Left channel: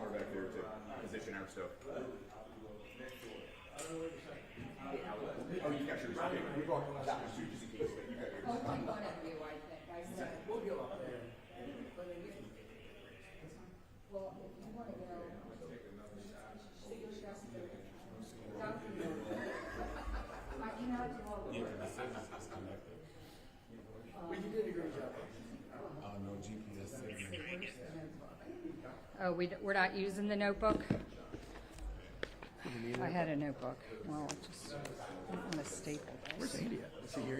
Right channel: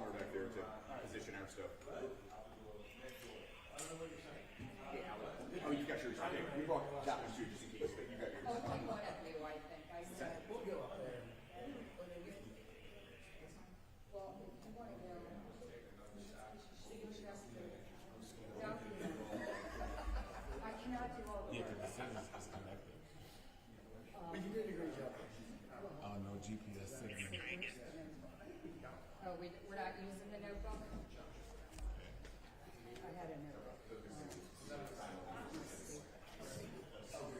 somewhere back there to position our stuff. Oh, you got yours. Okay. We brought that one too, just in case, but you got yours. Oh, we got it new, I think. I said, We'll go up there. well, if you want to go, I emailed you all. Yeah, because it says it's disconnected. But you did a great job. No GPS signal. Oh, we're not using the notebook? I had a notebook. Well, just a mistake.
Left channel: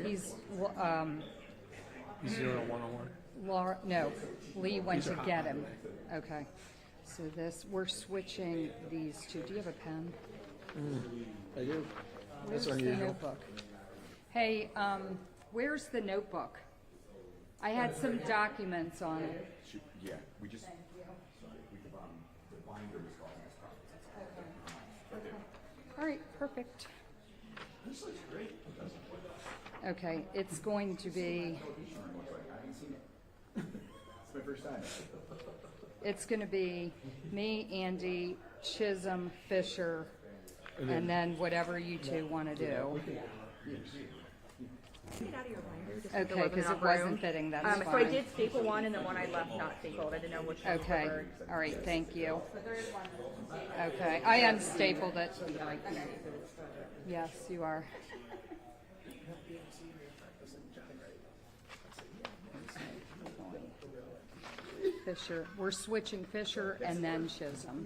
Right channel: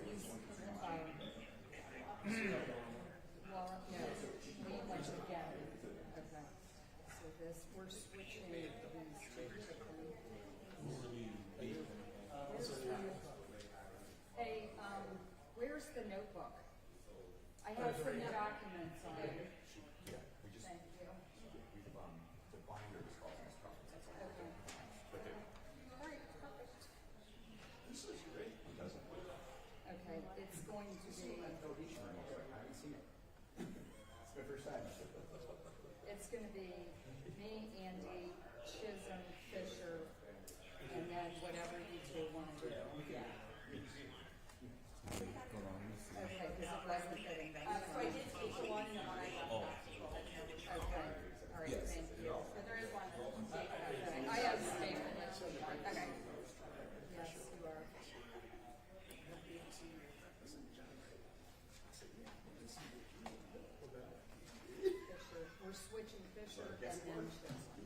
He's, 0101. Laura, no, Lee went to get him. Okay. So this, we're switching these two. Do you have a pen? I do. Where's the notebook? Hey, where's the notebook? I had some documents on it. Yeah, we just. The binder was causing us problems. Right there. All right, perfect. This looks great. Okay, it's going to be, It's my first time. it's going to be me, Andy, Chisholm, Fisher, and then whatever you two want to do. Okay, because it wasn't fitting, that's So I fine. did staple one, and the one I left not stapled. I didn't know which one. Okay, all right, thank you. Okay, I unstapled it. Okay. Yes, you are. Fisher, we're switching Fisher and then Chisholm.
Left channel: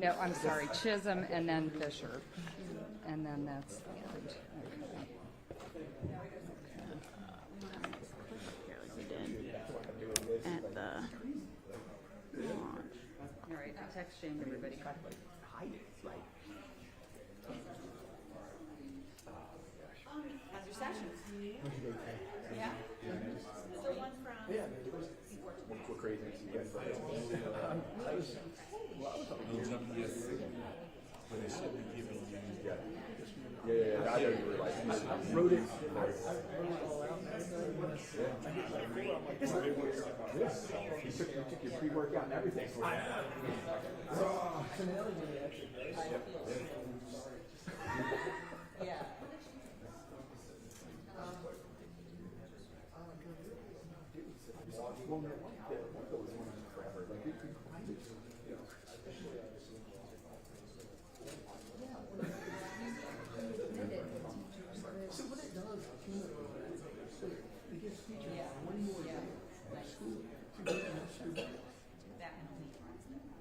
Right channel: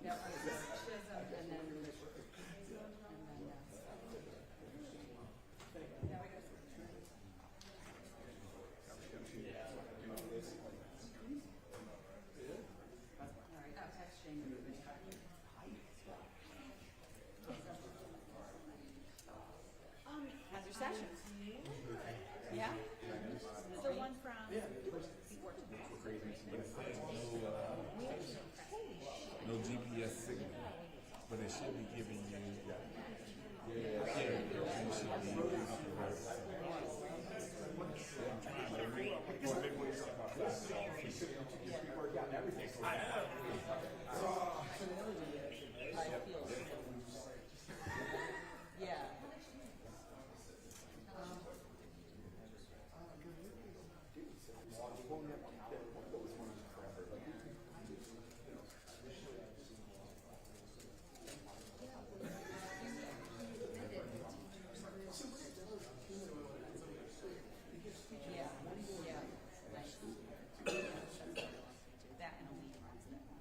No, I'm sorry, Chisholm and then Fisher. And then that's that. All right, I'll text Jane, everybody. How's your session? Yeah? Is there one from? No GPS signal, but it should be giving you. Pre-workout and everything. Yeah.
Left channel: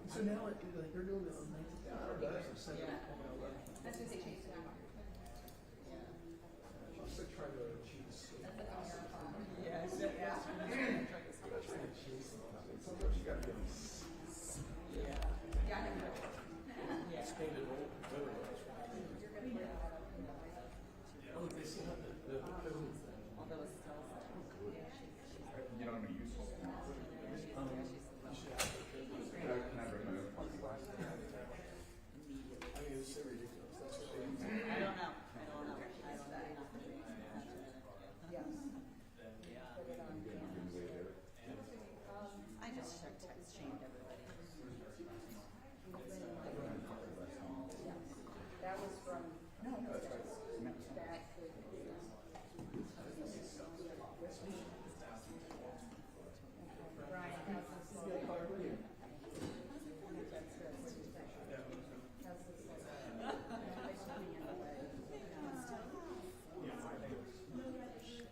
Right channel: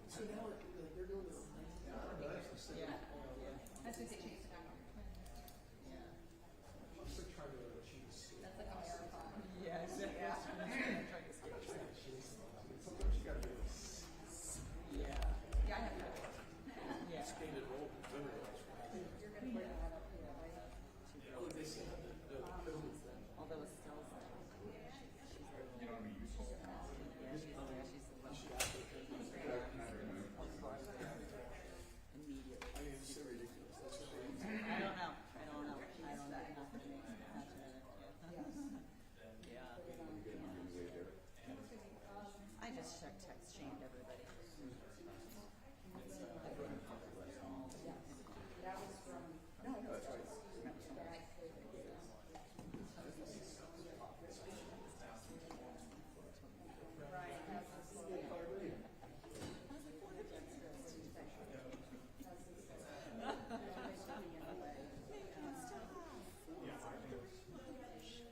So now they're doing this. That's what they changed it out. Yeah, Yeah, I have no. Although it's still. You know what I mean? Useful. I don't know. I just text shamed everybody. That was from. No, that's right.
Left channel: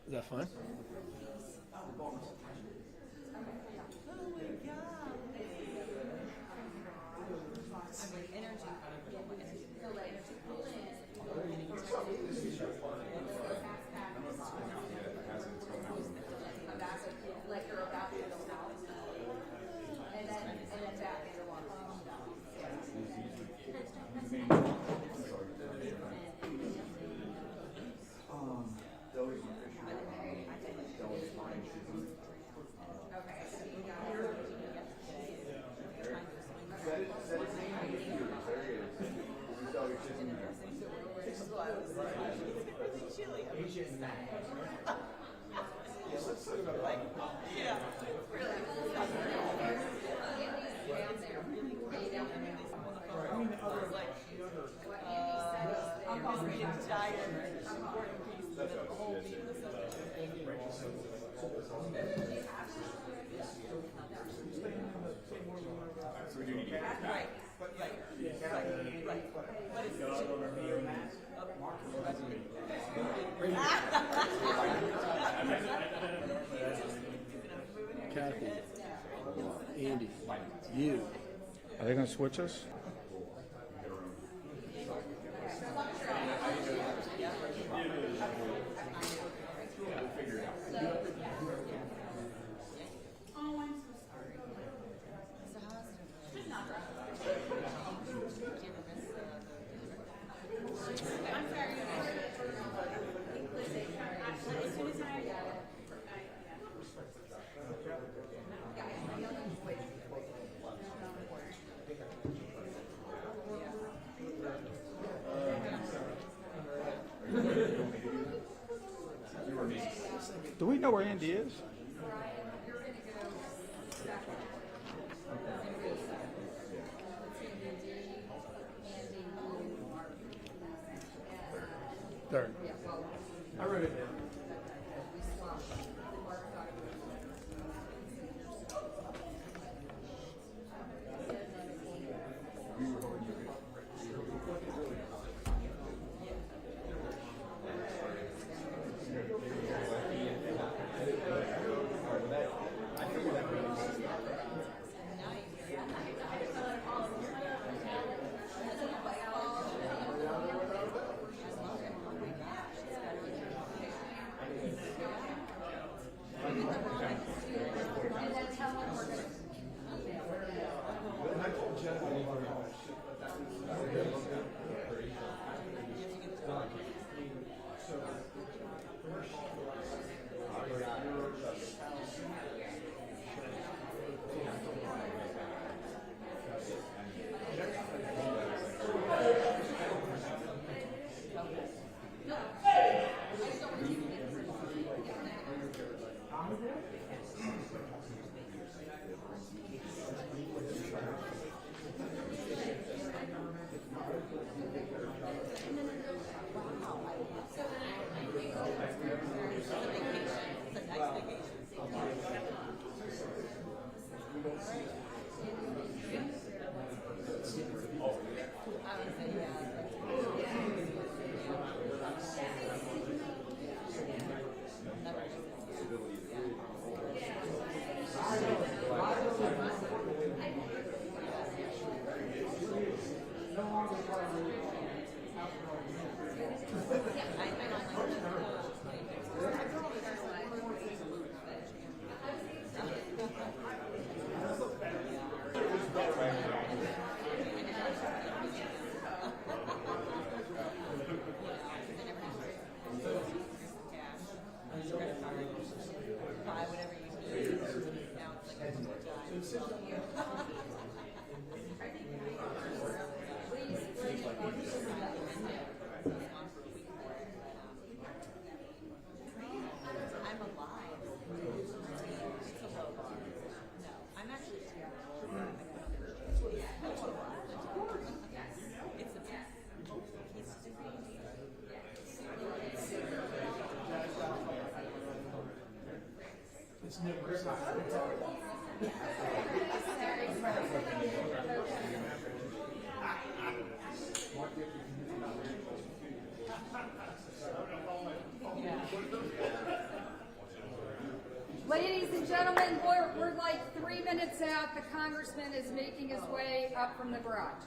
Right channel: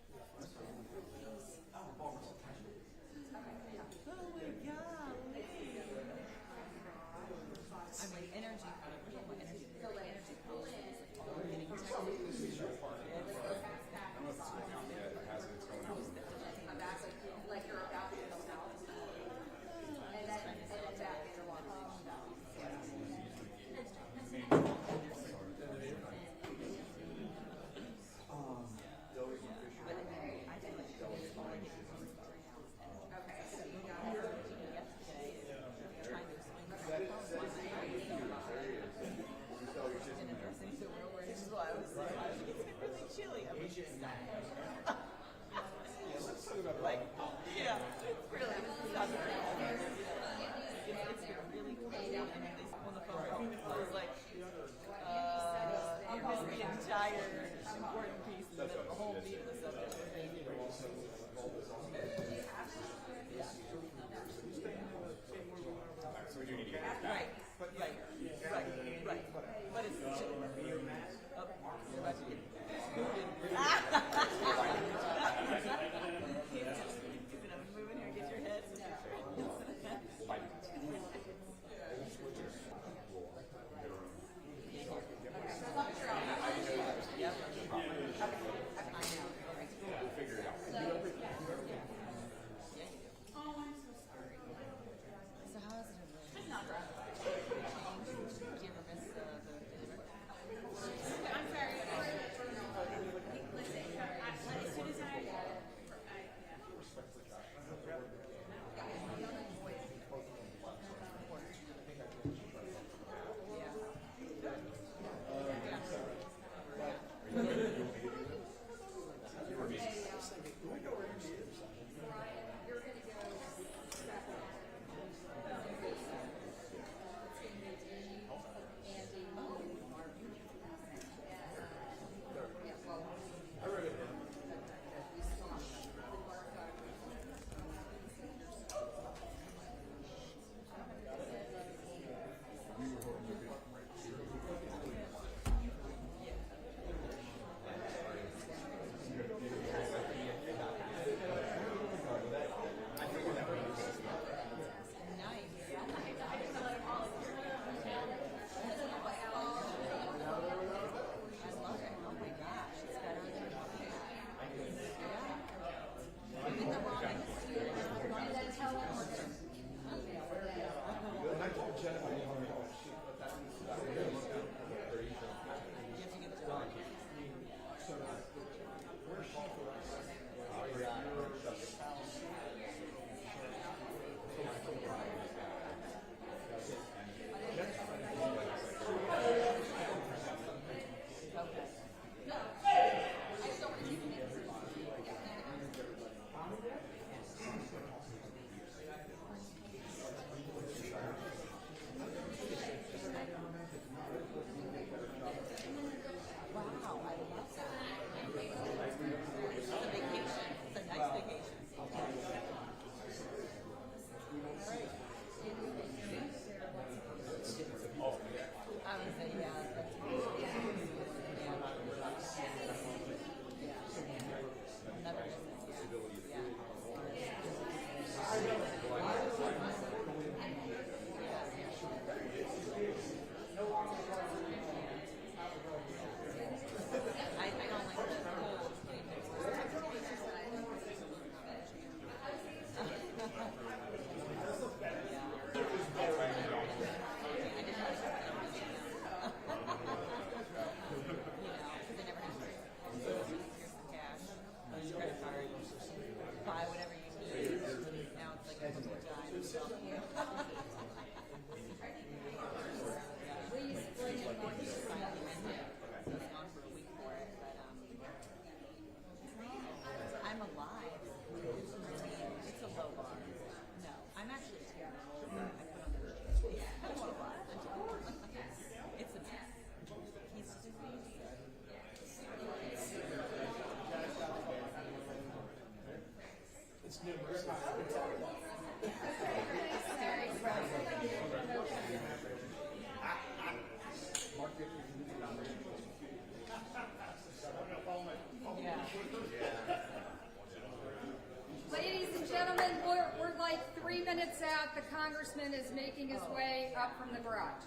Is that fun? Like you're about to go south. And then back into one. Yeah. Really? entire important piece of the whole meat of the subject. So we do need to get this back. Right. But it's Andy, you. Are they gonna switch us? So how is it? Do you ever miss the I'm sorry. As soon as I Do we know where Andy is? There. I wrote it down. Ladies and gentlemen, we're like 3 minutes out. The Congressman is making his way up from the garage.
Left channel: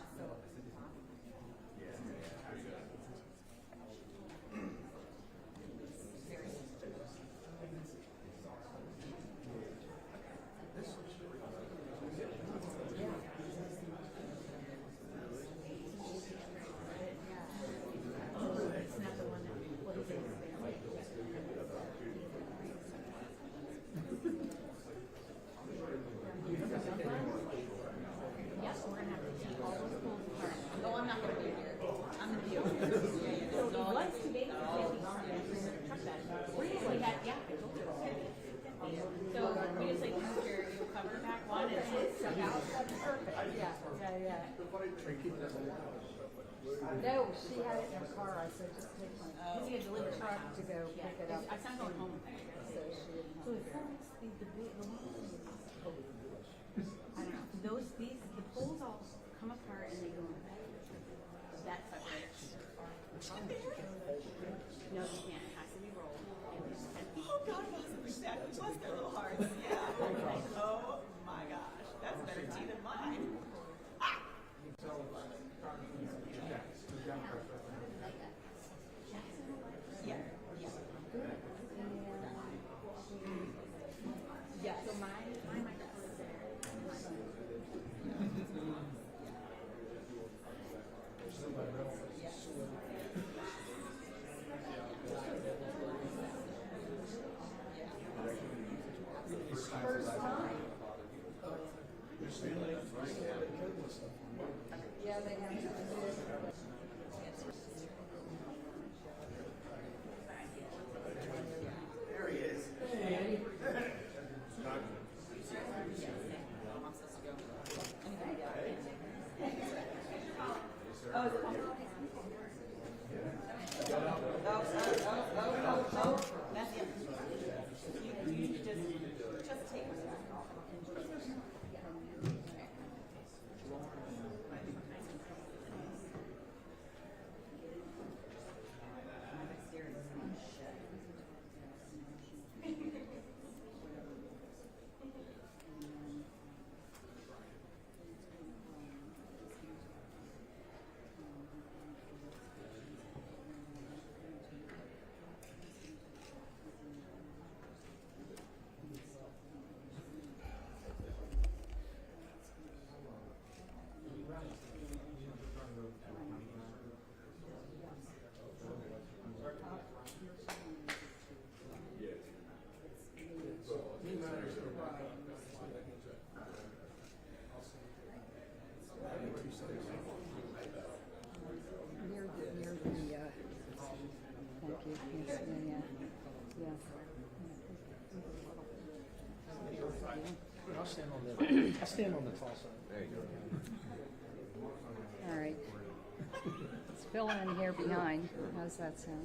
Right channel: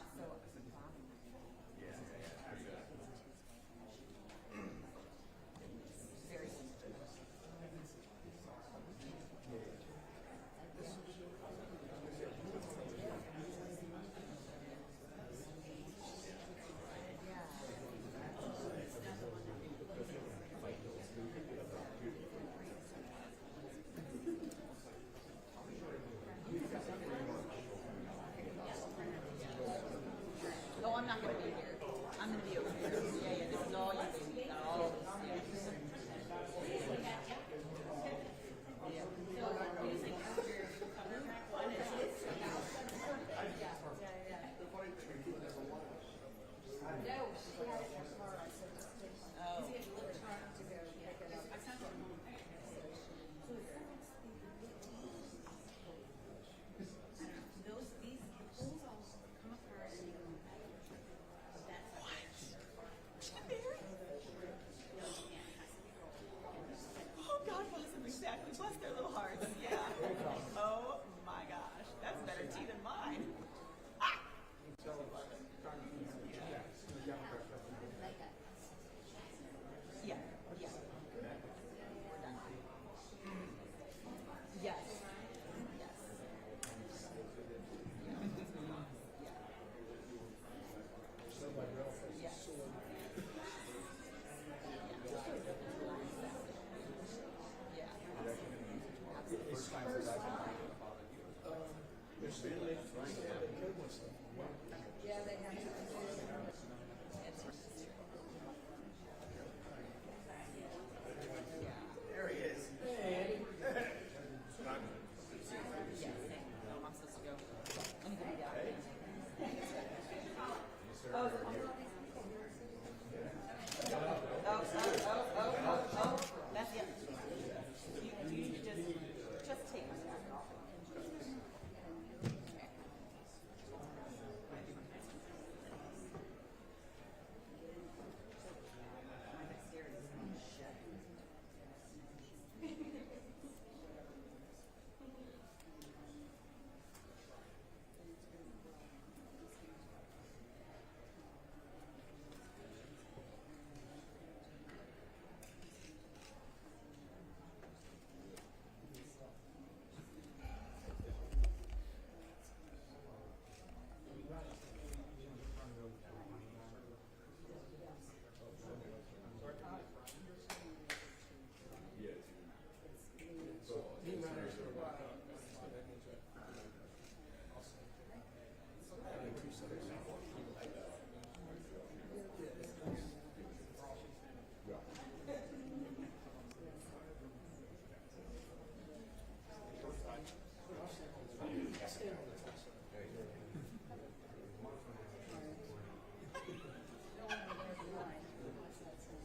59. How's that sound?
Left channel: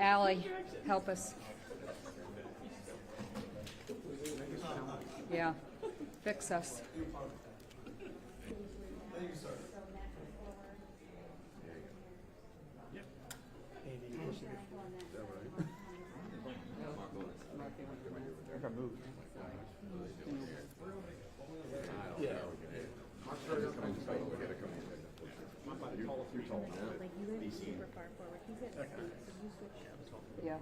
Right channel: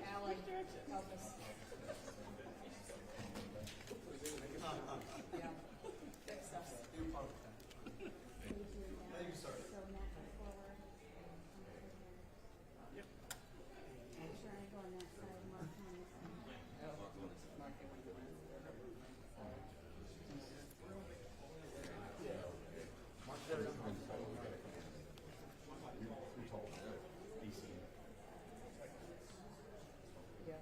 Allie, help us. Yeah, fix us. Yeah.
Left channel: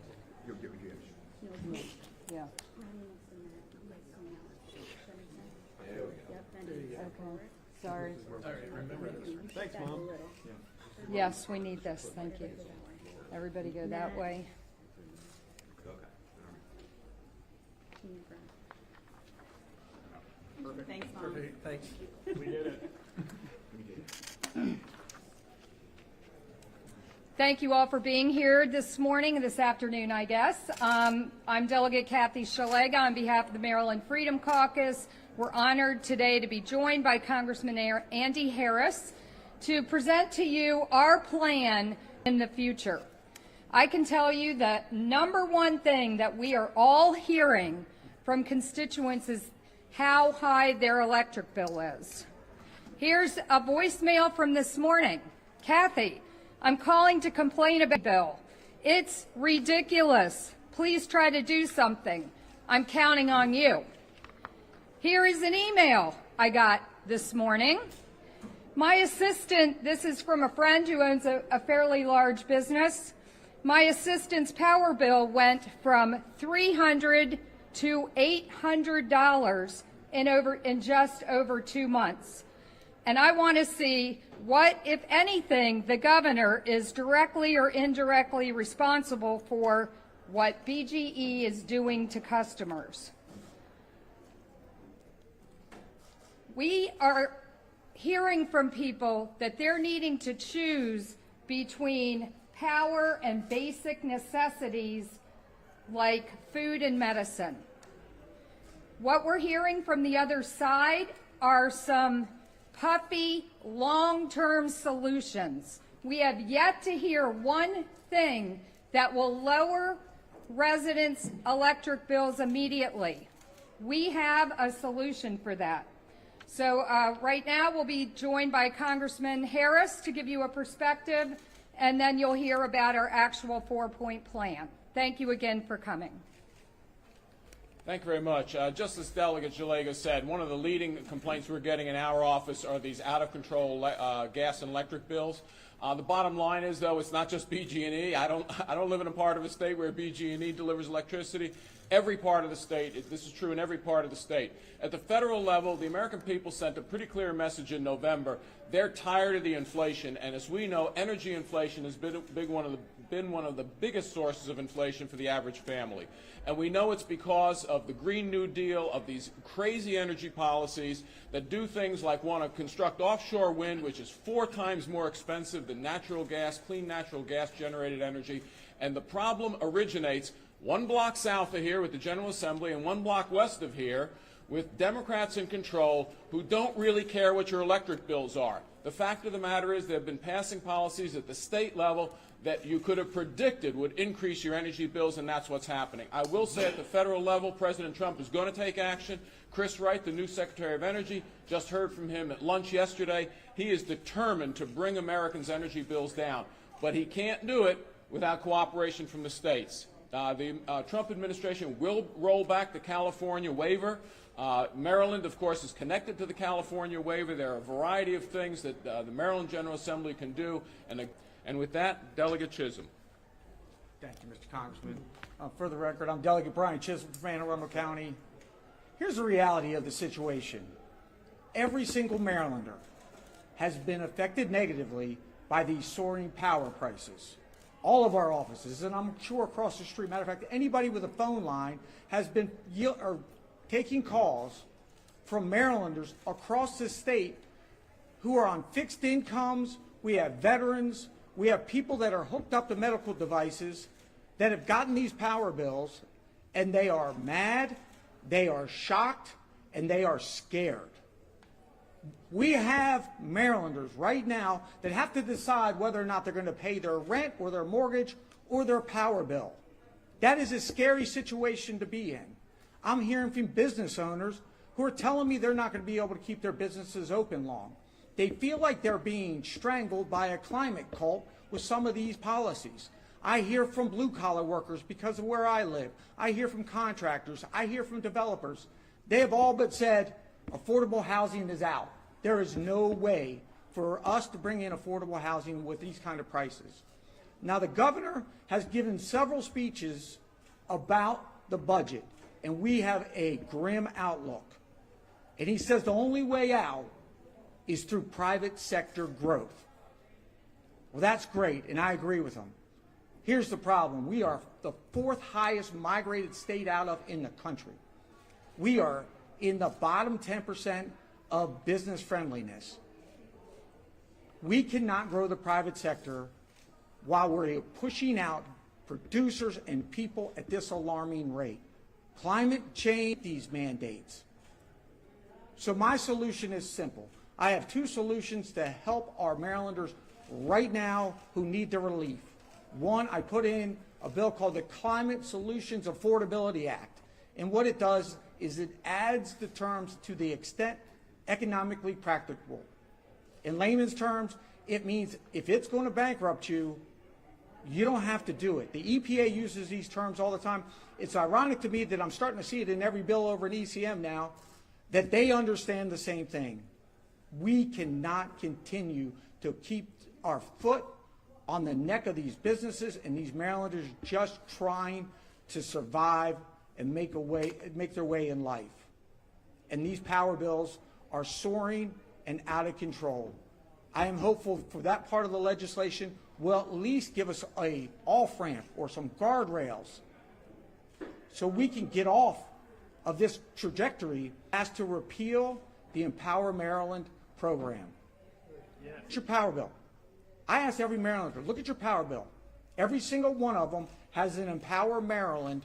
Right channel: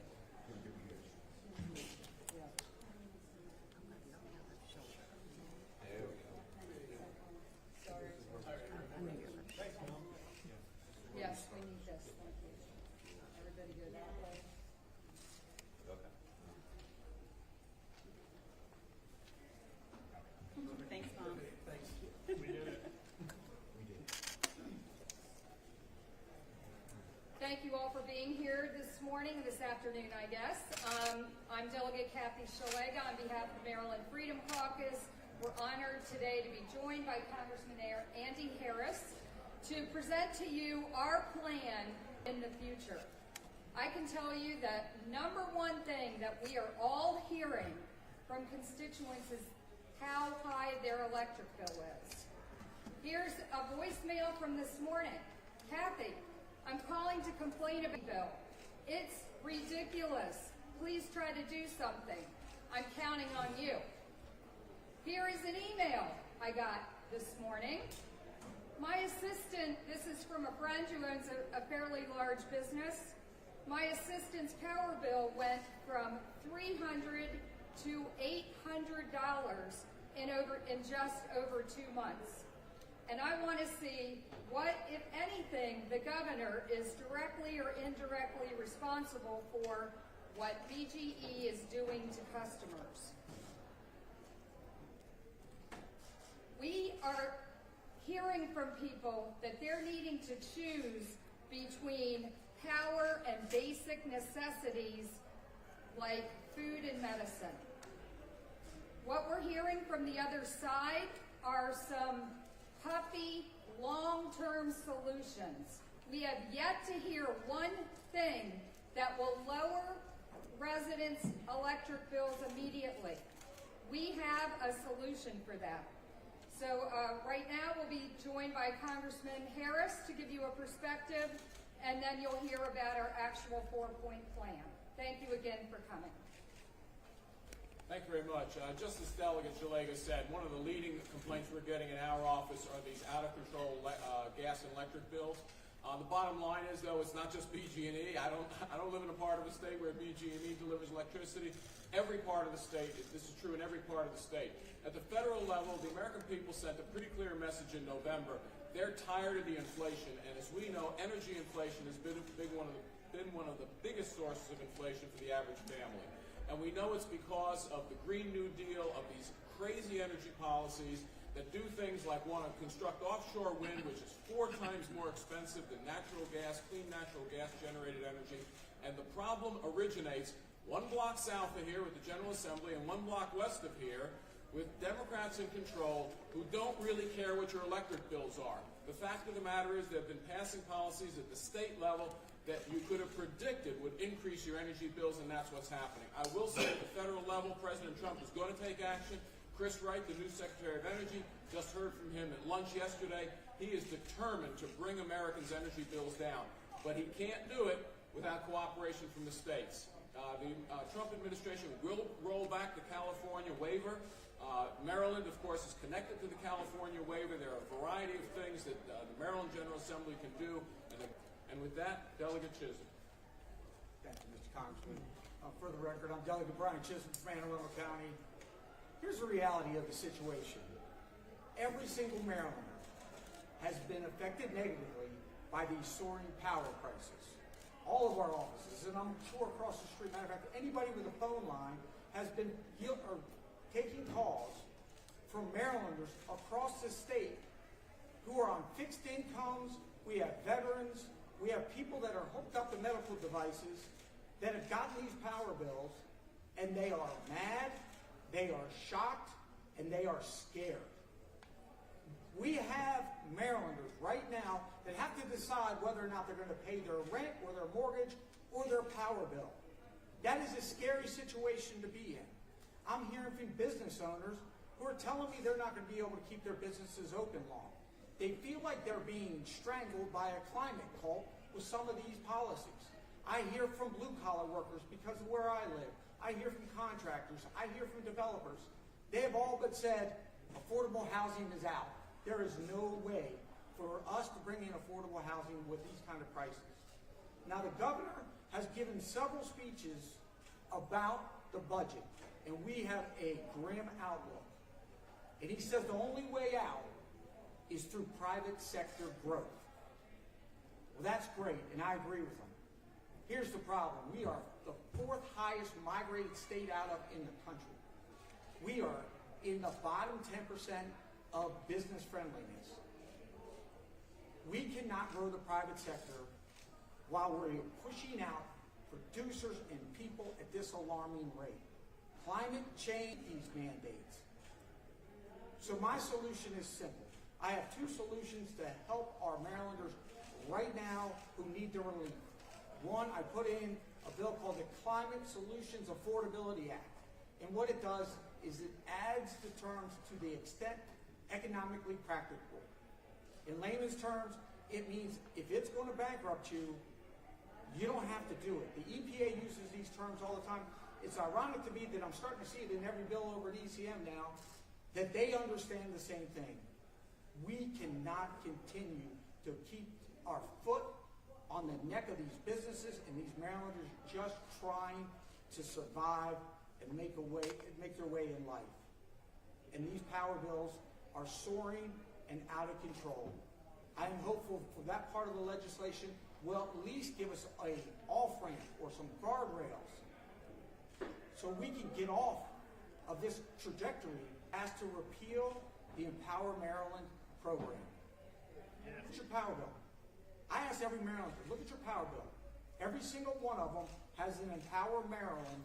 Yeah. Okay, sorry. Thanks, Mom. Yes, we need this, thank you. Everybody go that way. Thanks, Mom. Thanks. Thank you all for being here this morning, this afternoon, I guess. I'm Delegate Kathy Shalega on behalf of the Maryland Freedom Caucus. We're honored today to be joined by Congressman Andy Harris to present to you our plan in the future. I can tell you that number one thing that we are all hearing from constituents is how high their electric bill is. Here's a voicemail from this morning. Kathy, I'm calling to complain about the bill. It's ridiculous. Please try to do something. I'm counting on you. Here is an email I got this morning. My assistant, this is from a friend who owns a fairly large business. My assistant's power bill went from $300 to $800 in just over 2 months. And I want to see what, if anything, the governor is directly or indirectly responsible for what BGE is doing to customers. We are hearing from people that they're needing to choose between power and basic necessities like food and medicine. What we're hearing from the other side are some puffy, long-term solutions. We have yet to hear one thing that will lower residents' electric bills immediately. We have a solution for that. So right now we'll be joined by Congressman Harris to give you a perspective, and then you'll hear about our actual 4-point plan. Thank you again for coming. Thank you very much. Just as Delegate Shalega said, one of the leading complaints we're getting in our office are these out-of-control gas and electric bills. The bottom line is, though, it's not just BG&E. I don't live in a part of a state where BG&E delivers electricity. Every part of the state, this is true in every part of the state. At the federal level, the American people sent a pretty clear message in November. They're tired of the inflation, and as we know, energy inflation has been one of the biggest sources of inflation for the average family. And we know it's because of the Green New Deal, of these crazy energy policies that do things like want to construct offshore wind, which is 4 times more expensive than natural gas, clean natural gas generated energy. And the problem originates 1 block south of here with the General Assembly and 1 block west of here with Democrats in control who don't really care what your electric bills are. The fact of the matter is they've been passing policies at the state level that you could have predicted would increase your energy bills, and that's what's happening. I will say at the federal level, President Trump is going to take action. Chris Wright, the new Secretary of Energy, just heard from him at lunch yesterday. He is determined to bring Americans' energy bills down, but he can't do it without cooperation from the states. The Trump administration will roll back the California waiver. Maryland, of course, is connected to the California waiver. There are a variety of things that the Maryland General Assembly can do, and with that, Delegate Chisholm. Thank you, Mr. Congressman. For the record, I'm Delegate Brian Chisholm from Anne Arundel County. Here's the reality of the situation. Every single Marylander has been affected negatively by these soaring power prices. All of our offices, and I'm sure across the street, matter of fact, anybody with a phone line has been taking calls from Marylanders across the state who are on fixed incomes. We have veterans. We have people that are hooked up to medical devices that have gotten these power bills, and they are mad, they are shocked, and they are scared. We have Marylanders right now that have to decide whether or not they're going to pay their rent or their mortgage or their power bill. That is a scary situation to be in. I'm hearing from business owners who are telling me they're not going to be able to keep their businesses open long. They feel like they're being strangled by a climate cult with some of these policies. I hear from blue-collar workers because of where I live. I hear from contractors. I hear from developers. They have all but said affordable housing is out. There is no way for us to bring in affordable housing with these kind of prices. Now, the governor has given several speeches about the budget, and we have a grim outlook. And he says the only way out is through private sector growth. Well, that's great, and I agree with him. Here's the problem. We are the 4th highest migrated state out of in the country. We are in the bottom 10% of business friendliness. We cannot grow the private sector while we're pushing out producers and people at this alarming rate. Climate change these mandates. So my solution is simple. I have 2 solutions to help our Marylanders right now who need the relief. One, I put in a bill called the Climate Solutions Affordability Act. And what it does is it adds the terms to the extent economically practicable. In layman's terms, it means if it's going to bankrupt you, you don't have to do it. The EPA uses these terms all the time. It's ironic to me that I'm starting to see it in every bill over at ECM now, that they understand the same thing. We cannot continue to keep our foot on the neck of these businesses and these Marylanders just trying to survive and make their way in life. And these power bills are soaring and out of control. I am hopeful for that part of the legislation will at least give us a off-ramp or some guardrails so we can get off of this trajectory as to repeal the Empower Maryland program. It's your power bill. I ask every Marylander, look at your power bill. Every single one of them has an Empower Maryland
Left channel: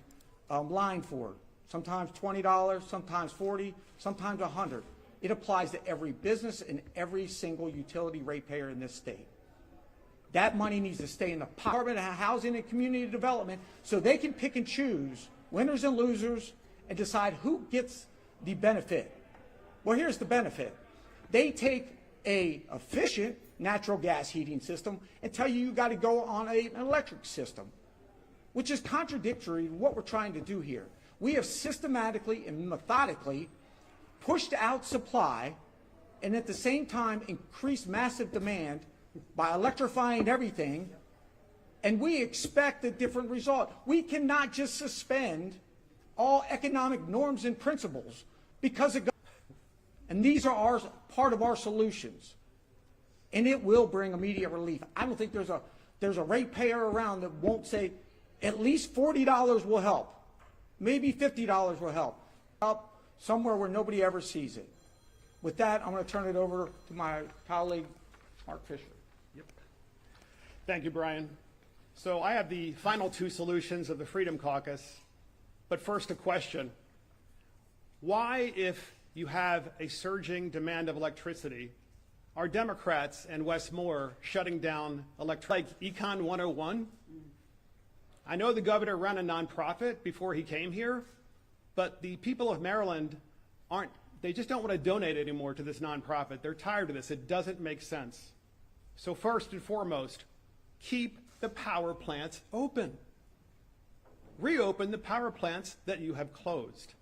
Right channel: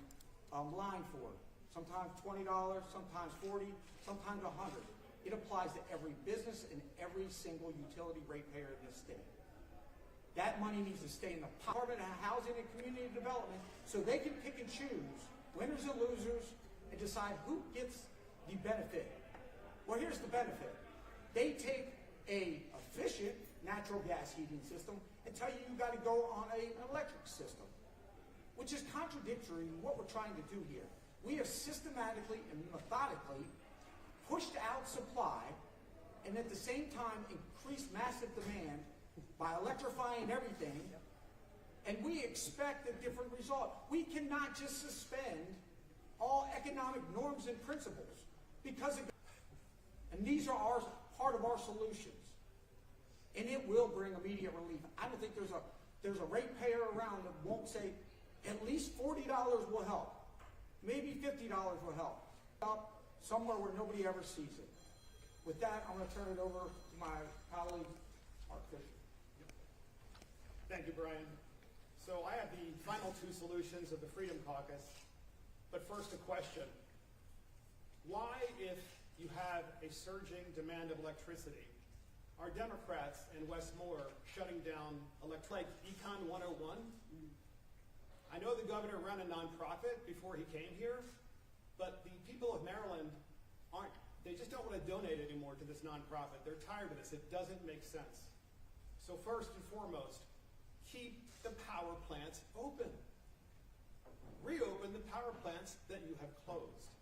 line for it. Sometimes $20, sometimes $40, sometimes $100. It applies to every business and every single utility ratepayer in this state. That money needs to stay in the Department of Housing and Community Development so they can pick and choose winners and losers and decide who gets the benefit. Well, here's the benefit. They take an efficient natural gas heating system and tell you got to go on an electric system, which is contradictory to what we're trying to do here. We have systematically and methodically pushed out supply and at the same time increased massive demand by electrifying everything, and we expect a different result. We cannot just suspend all economic norms and principles because of, and these are part of our solutions, and it will bring immediate relief. I don't think there's a ratepayer around that won't say at least $40 will help, maybe $50 will help somewhere where nobody ever sees it. With that, I'm going to turn it over to my colleague, Mark Fisher. Thank you, Brian. So I have the final 2 solutions of the Freedom Caucus, but first a question. Why, if you have a surging demand of electricity, are Democrats and Wes Moore shutting down like Econ 101? I know the governor ran a nonprofit before he came here, but the people of Maryland they just don't want to donate anymore to this nonprofit. They're tired of this. It doesn't make sense. So first and foremost, keep the power plants open. Reopen the power plants that you have closed.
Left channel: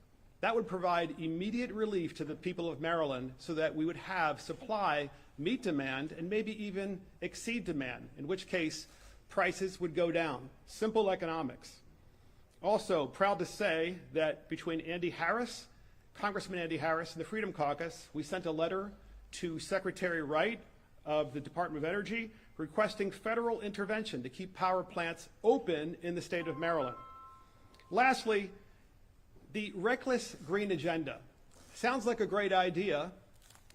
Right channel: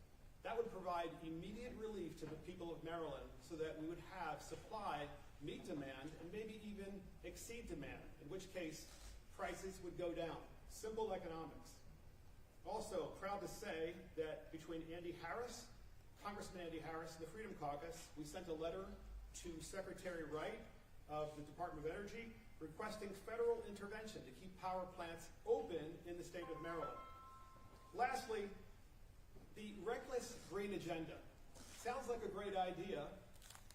That would provide immediate relief to the people of Maryland so that we would have supply meet demand and maybe even exceed demand, in which case prices would go down. Simple economics. Also, proud to say that between Congressman Andy Harris and the Freedom Caucus, we sent a letter to Secretary Wright of the Department of Energy requesting federal intervention to keep power plants open in the state of Maryland. Lastly, the reckless green agenda. Sounds like a great idea,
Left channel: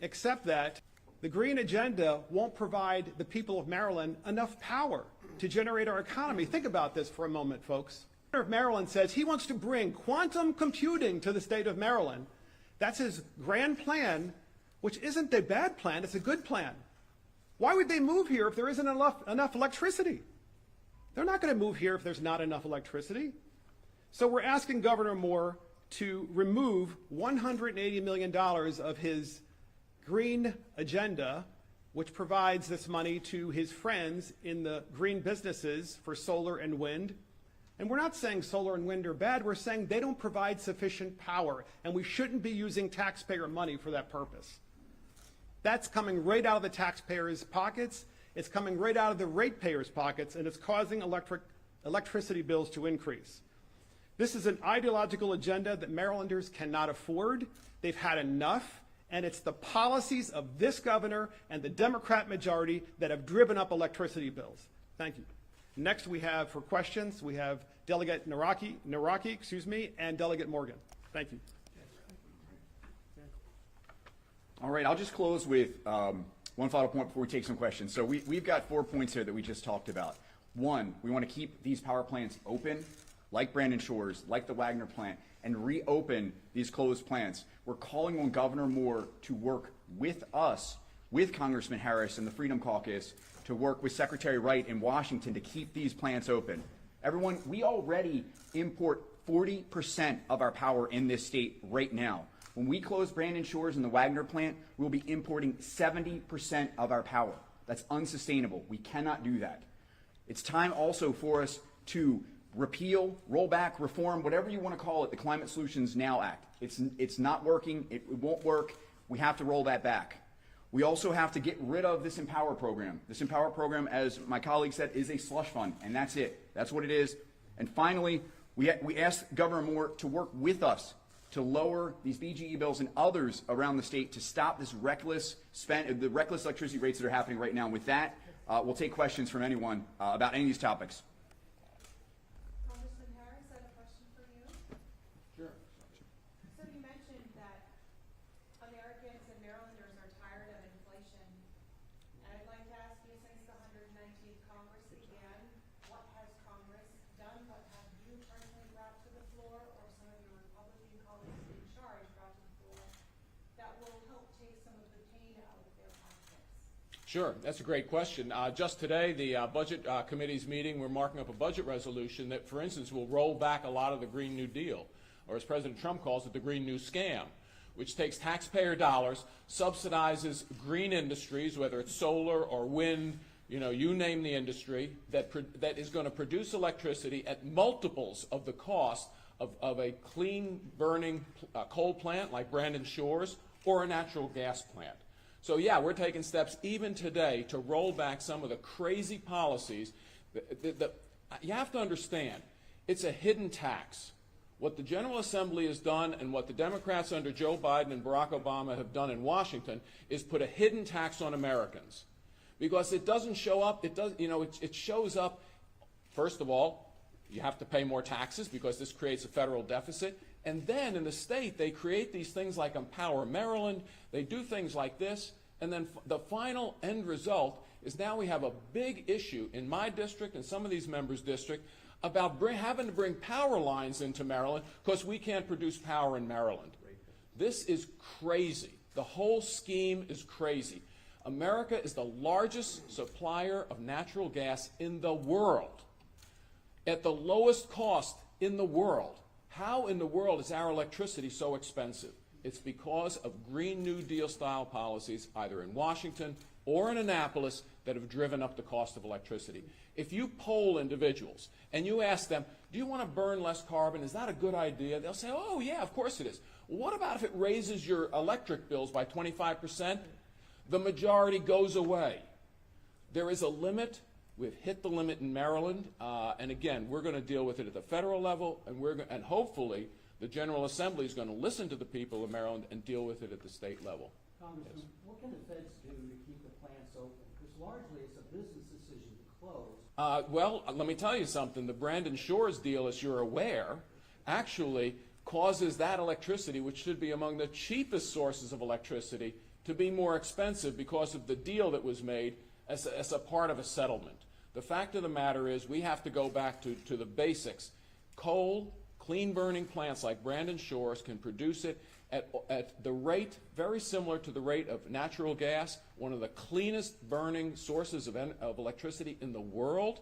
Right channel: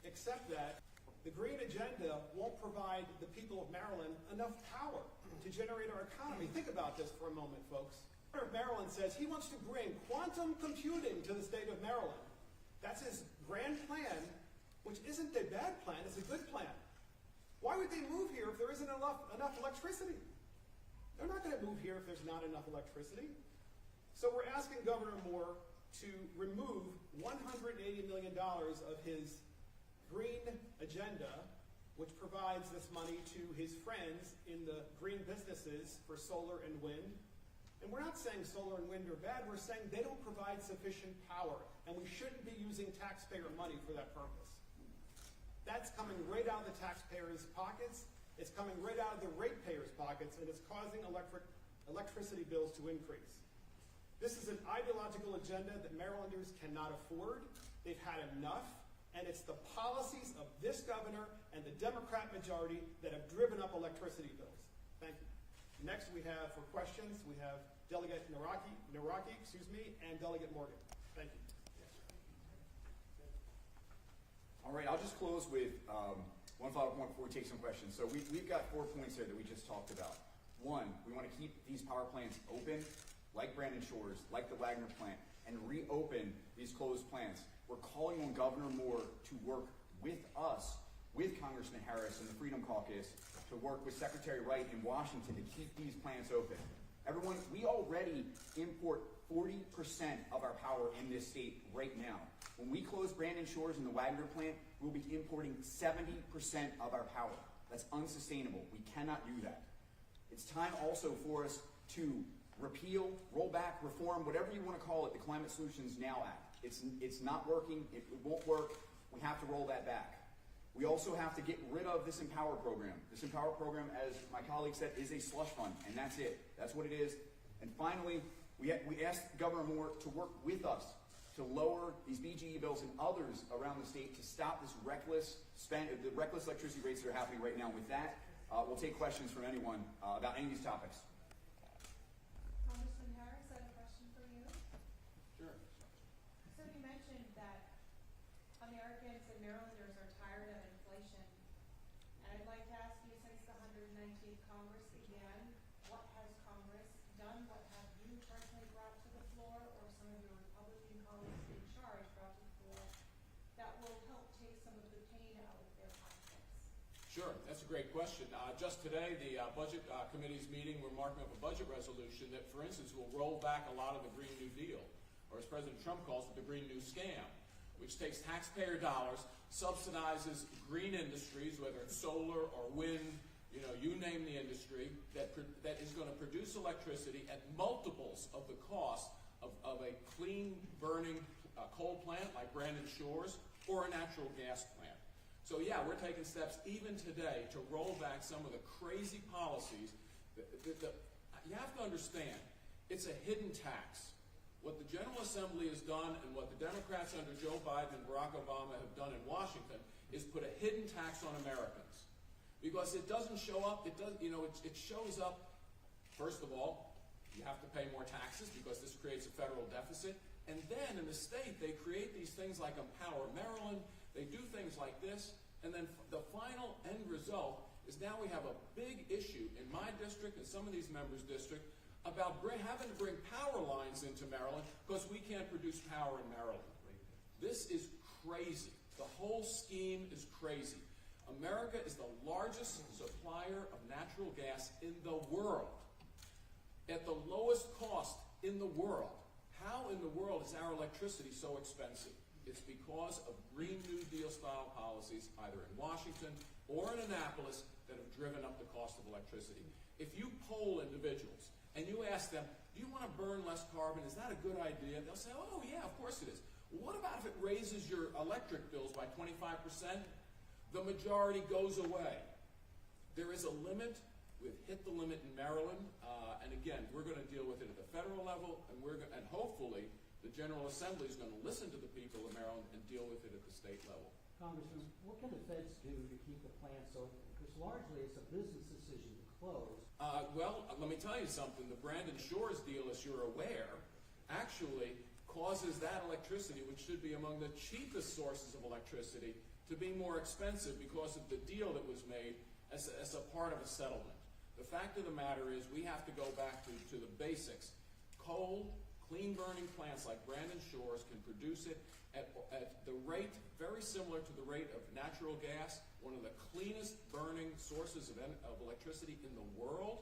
except that the green agenda won't provide the people of Maryland enough power to generate our economy. Think about this for a moment, folks. The governor of Maryland says he wants to bring quantum computing to the state of Maryland. That's his grand plan which isn't a bad plan, it's a good plan. Why would they move here if there isn't enough electricity? They're not going to move here if there's not enough electricity. So we're asking Governor Moore to remove $180 million of his green agenda, which provides this money to his friends in the green businesses for solar and wind. And we're not saying solar and wind are bad, we're saying they don't provide sufficient power, and we shouldn't be using taxpayer money for that purpose. That's coming right out of the taxpayers' pockets, it's coming right out of the ratepayers' pockets, and it's causing electricity bills to increase. This is an ideological agenda that Marylanders cannot afford. They've had enough, and it's the policies of this governor and the Democrat majority that have driven up electricity bills. Thank you. Next we have, for questions, we have Delegate Naraki, and Delegate Morgan. Thank you. All right, I'll just close with one final point before we take some questions. So we've got 4 points here that we just talked about. One, we want to keep these power plants open, like Brandon Shores, like the Wagner plant, and reopen these closed plants. We're calling on Governor Moore to work with us, with Congressman Harris and the Freedom Caucus, to work with Secretary Wright in Washington to keep these plants open. Everyone, we already import 40% of our power in this state right now. When we close Brandon Shores and the Wagner plant, we'll be importing 70% of our power. That's unsustainable. We cannot do that. It's time also for us to repeal, roll back, reform, whatever you want to call it, the Climate Solutions Now Act. It's not working. It won't work. We have to roll that back. We also have to get rid of this Empower program. This Empower program, as my colleague said, is a slush fund, and that's it. That's what it is. And finally, we asked Governor Moore to work with us to lower these BGE bills and others around the state to stop this reckless electricity rates that are happening right now. And with that, we'll take questions from anyone about any of these topics. Congressman Harris, I have a question for you. Sure. So you mentioned that Americans and Marylanders are tired of inflation. And I'd like to ask you, since the 119th Congress began, what has Congress done? What have you personally brought to the floor, or some of your Republican colleagues in charge brought to the floor, that will help take some of the pain out of their pockets? Sure, that's a great question. Just today, the Budget Committee's meeting, we're marking up a budget resolution that, for instance, will roll back a lot of the Green New Deal, or as President Trump calls it, the Green New Scam, which takes taxpayer dollars, subsidizes green industries, whether it's solar or wind, you name the industry, that is going to produce electricity at multiples of the cost of a clean burning coal plant like Brandon Shores or a natural gas plant. So yeah, we're taking steps even today to roll back some of the crazy policies. You have to understand, it's a hidden tax. What the General Assembly has done and what the Democrats under Joe Biden and Barack Obama have done in Washington is put a hidden tax on Americans. Because it doesn't show up, it shows up, first of all, you have to pay more taxes because this creates a federal deficit. And then in the state, they create these things like Empower Maryland, they do things like this, and then the final end result is now we have a big issue in my district and some of these members' district about having to bring power lines into Maryland because we can't produce power in Maryland. This is crazy. The whole scheme is crazy. America is the largest supplier of natural gas in the world, at the lowest cost in the world. How in the world is our electricity so expensive? It's because of Green New Deal style policies, either in Washington or in Annapolis, that have driven up the cost of electricity. If you poll individuals and you ask them, do you want to burn less carbon? Is that a good idea? They'll say, oh yeah, of course it is. Well, what about if it raises your electric bills by 25%? The majority goes away. There is a limit. We've hit the limit in Maryland, and again, we're going to deal with it at the federal level, and hopefully the General Assembly is going to listen to the people of Maryland and deal with it at the state level. Congressman, what can the feds do to keep the plants open? Because largely it's a business decision to close. Well, let me tell you something. The Brandon Shores deal, as you're aware, actually causes that electricity, which should be among the cheapest sources of electricity, to be more expensive because of the deal that was made as a part of a settlement. The fact of the matter is we have to go back to the basics. Coal, Clean burning plants like Brandon Shores can produce it at the rate very similar to the rate of natural gas, one of the cleanest burning sources of electricity in the world.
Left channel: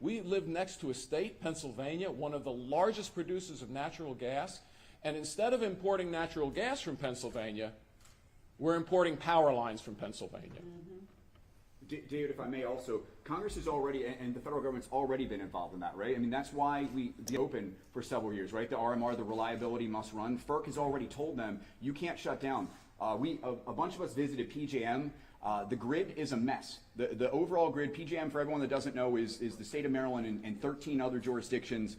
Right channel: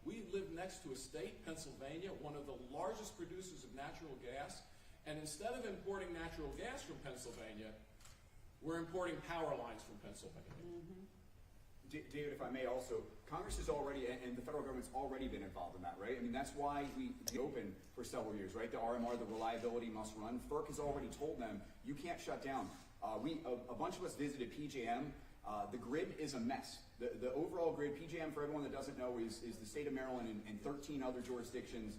We live next to a state, Pennsylvania, one of the largest producers of natural gas, and instead of importing natural gas from Pennsylvania, we're importing power lines from Pennsylvania. David, if I may also, Congress has already, and the federal government's already been involved in that, right? I mean, that's why we open for several years, right? The RMR, the reliability must run. FERC has already told them, you can't shut down. A bunch of us visited PJM. The grid is a mess. The overall grid, PJM, for everyone that doesn't know, is the state of Maryland and 13 other jurisdictions.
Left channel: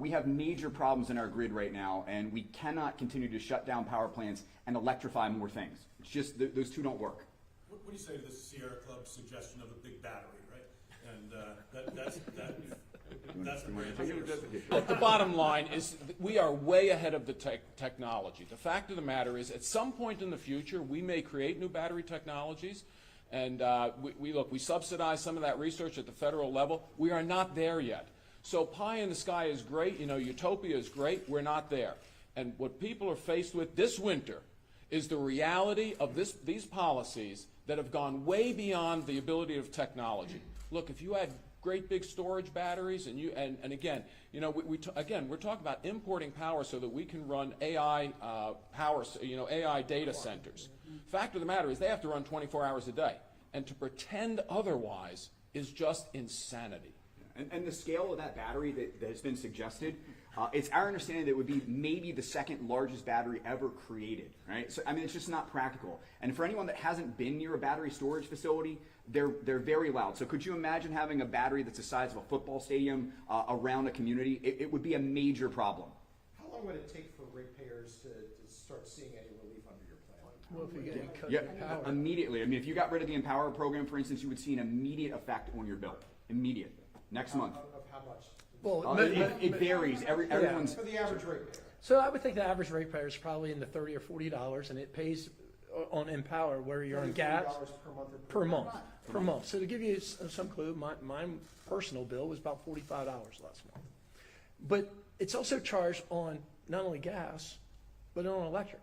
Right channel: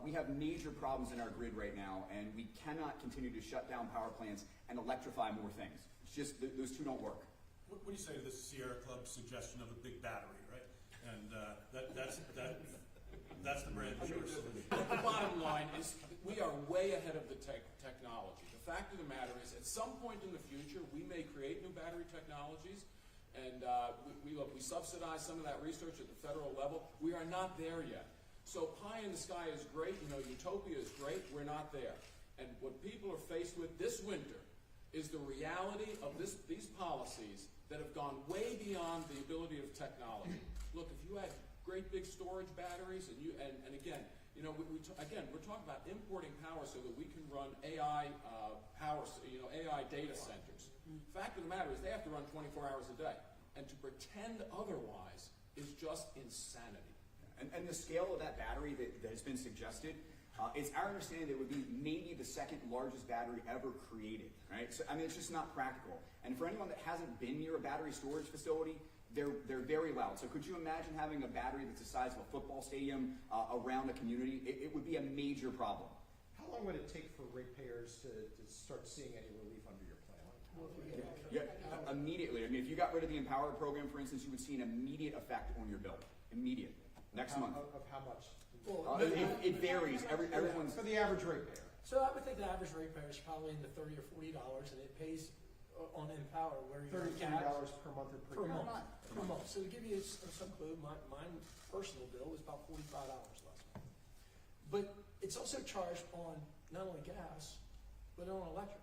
We have major problems in our grid right now, and we cannot continue to shut down power plants and electrify more things. It's just, those two don't work. What do you say to the Sierra Club suggestion of a big battery, right? And that's the brand of The bottom line is we are way ahead of the technology. The fact of the matter is, at some point in the future, we may create new battery technologies, and we subsidize some of that research at the federal level. We are not there yet. So pie in the sky is great, utopia is great, we're not there. And what people are faced with this winter is the reality of these policies that have gone way beyond the ability of technology. Look, if you had great big storage batteries, and again, we're talking about importing power so that we can run AI AI data centers. Fact of the matter is they have to run 24 hours a day, and to pretend otherwise is just insanity. And the scale of that battery that has been suggested, it's our understanding that it would be maybe the second largest battery ever created, right? So, I mean, it's just not practical. And for anyone that hasn't been near a battery storage facility, they're very loud. So could you imagine having a battery that's the size of a football stadium around a community? It would be a major problem. How long would it take for ratepayers to start seeing any relief under your plan? Well, if you get cut Yeah, immediately. I mean, if you got rid of the Empower program, for instance, you would see an immediate effect on your bill. Immediate. Next month. Of how much? well, It varies. Everyone's. For the average ratepayer. so I would think the average ratepayer is probably in the $30 or $40, and it pays on Empower where you're on gas $33 per month or per month. So to give you some clue, my personal bill was about $45 last month. But it's also charged on not only gas, but on electric.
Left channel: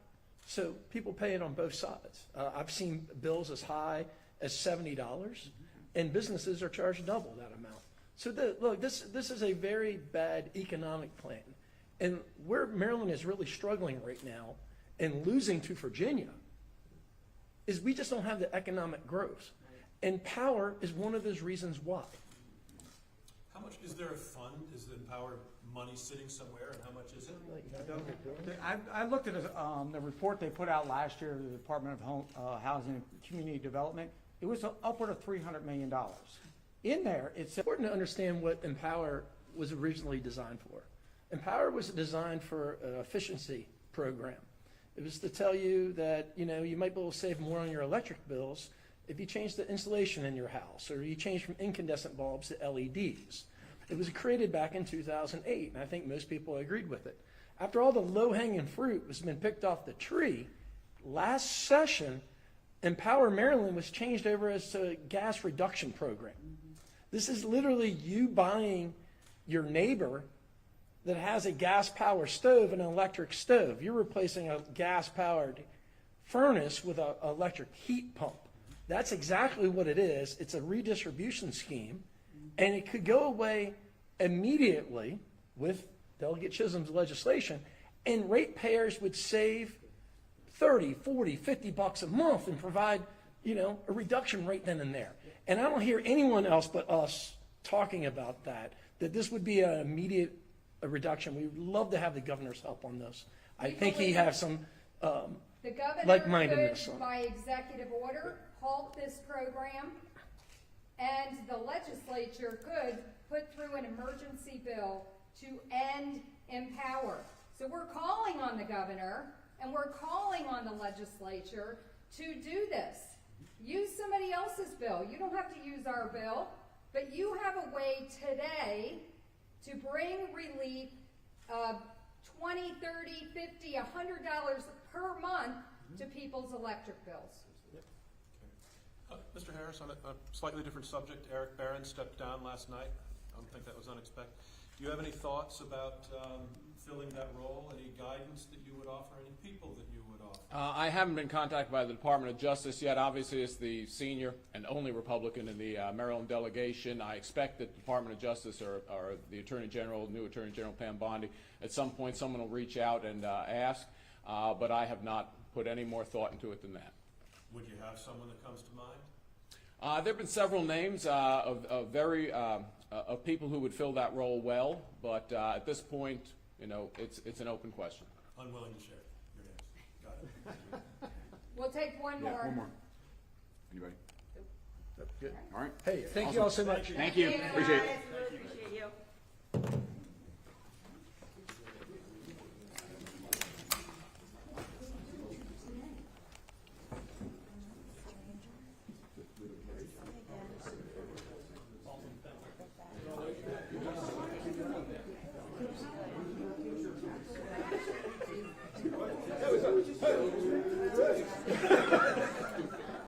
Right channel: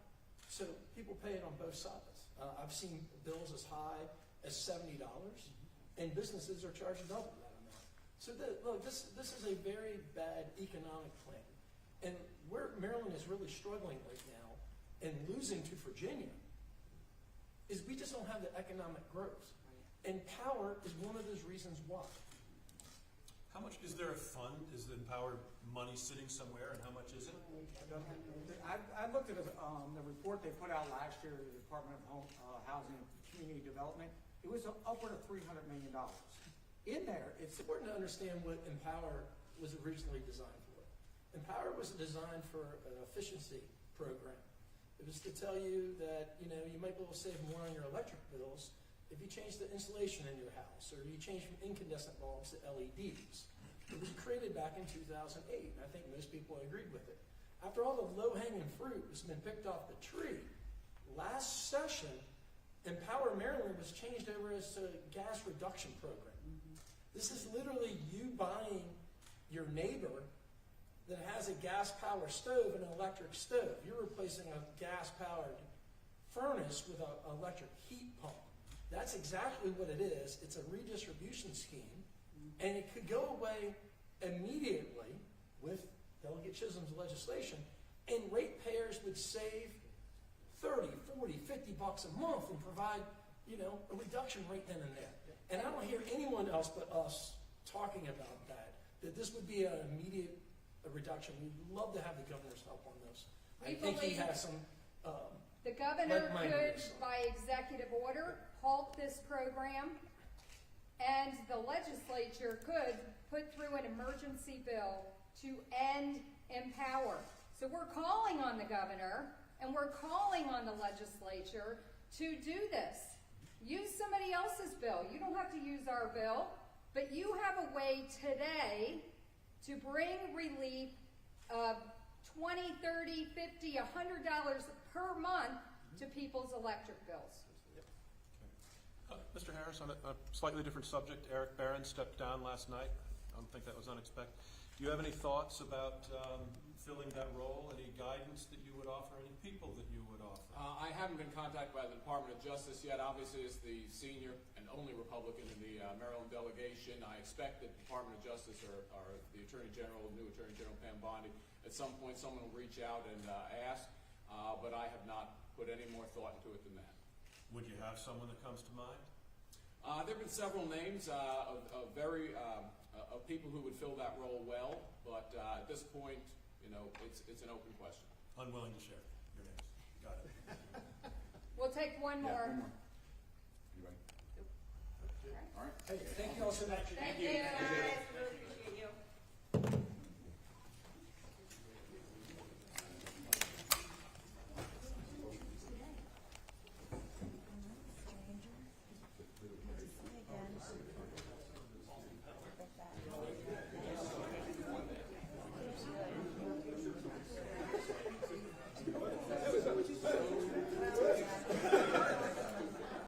So people pay it on both sides. I've seen bills as high as $70, and businesses are charged double that amount. So look, this is a very bad economic plan. And where Maryland is really struggling right now and losing to Virginia is we just don't have the economic growth. And power is one of those reasons why. How much is there a fund? Is the Empower money sitting somewhere, and how much is it? I looked at the report they put out last year, the Department of Housing and Community Development. It was upward of $300 million. In there, it's important to understand what Empower was originally designed for. Empower was designed for an efficiency program. It was to tell you that, you might be able to save more on your electric bills if you change the insulation in your house, or you change from incandescent bulbs to LEDs. It was created back in 2008, and I think most people agreed with it. After all the low-hanging fruit has been picked off the tree, last session, Empower Maryland was changed over as a gas reduction program. This is literally you buying your neighbor that has a gas-powered stove and an electric stove. You're replacing a gas-powered furnace with an electric heat pump. That's exactly what it is. It's a redistribution scheme, and it could go away immediately with Delegate Chisholm's legislation, and ratepayers would save $30, $40, $50 a month and provide, a reduction right then and there. And I don't hear anyone else but us talking about that this would be an immediate reduction. We would love to have the governor's help on this. I think he has some The governor like-mindedness. could, by executive order, halt this program, and the legislature could put through an emergency bill to end Empower. So we're calling on the governor, and we're calling on the legislature to do this. Use somebody else's bill. You don't have to use our bill, but you have a way today to bring relief of $20, $30, $50, $100 per month to people's electric bills. Mr. Harris, on a slightly different subject, Eric Barron stepped down last night. I don't think that was unexpected. Do you have any thoughts about filling that role? Any guidance that you would offer? Any people that you would offer? I haven't been contacted by the Department of Justice yet. Obviously, as the senior and only Republican in the Maryland delegation, I expect that the Department of Justice or the Attorney General, new Attorney General Pam Bondi, at some point someone will reach out and ask, but I have not put any more thought into it than that. Would you have someone that comes to mind? There have been several names of people who would fill that role well, but at this point, it's an open question. Unwilling to share your names. Got it. We'll take one Yeah, more. one more. Anybody? Good. All right. Hey, thank you all so much. Thank you. Appreciate it.